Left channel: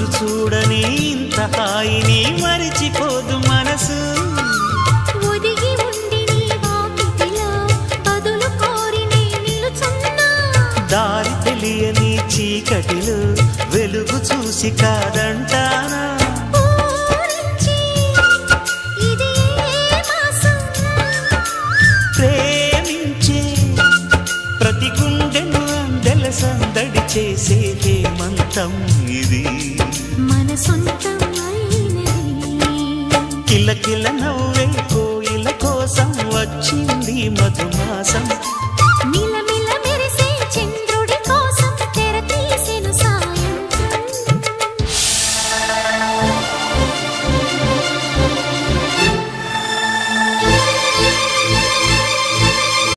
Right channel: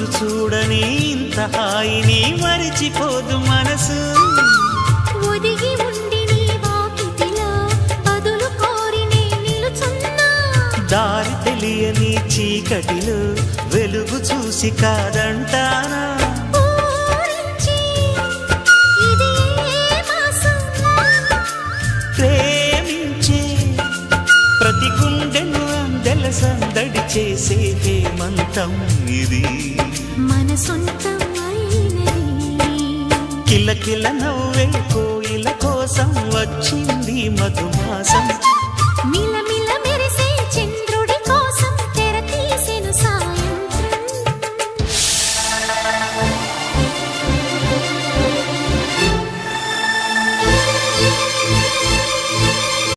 రోజు చూడని ఇంత హాయిని మరిచిపోదు మనసు ఒదిగి ఉండి నీ వాకిటిలో బదులు కోరి నే నిలుచున్నా దారి తెలియని చీకటిలో వెలుగు చూసి కాదంటానా ప్రేమించే ప్రతి గుండెను అందెల సందడి చేసే హేమంతం ఇది మన సొంతం అయినది కిలకిల నవ్వే కోయిల కోసం వచ్చింది మధుమాసం మిలమిల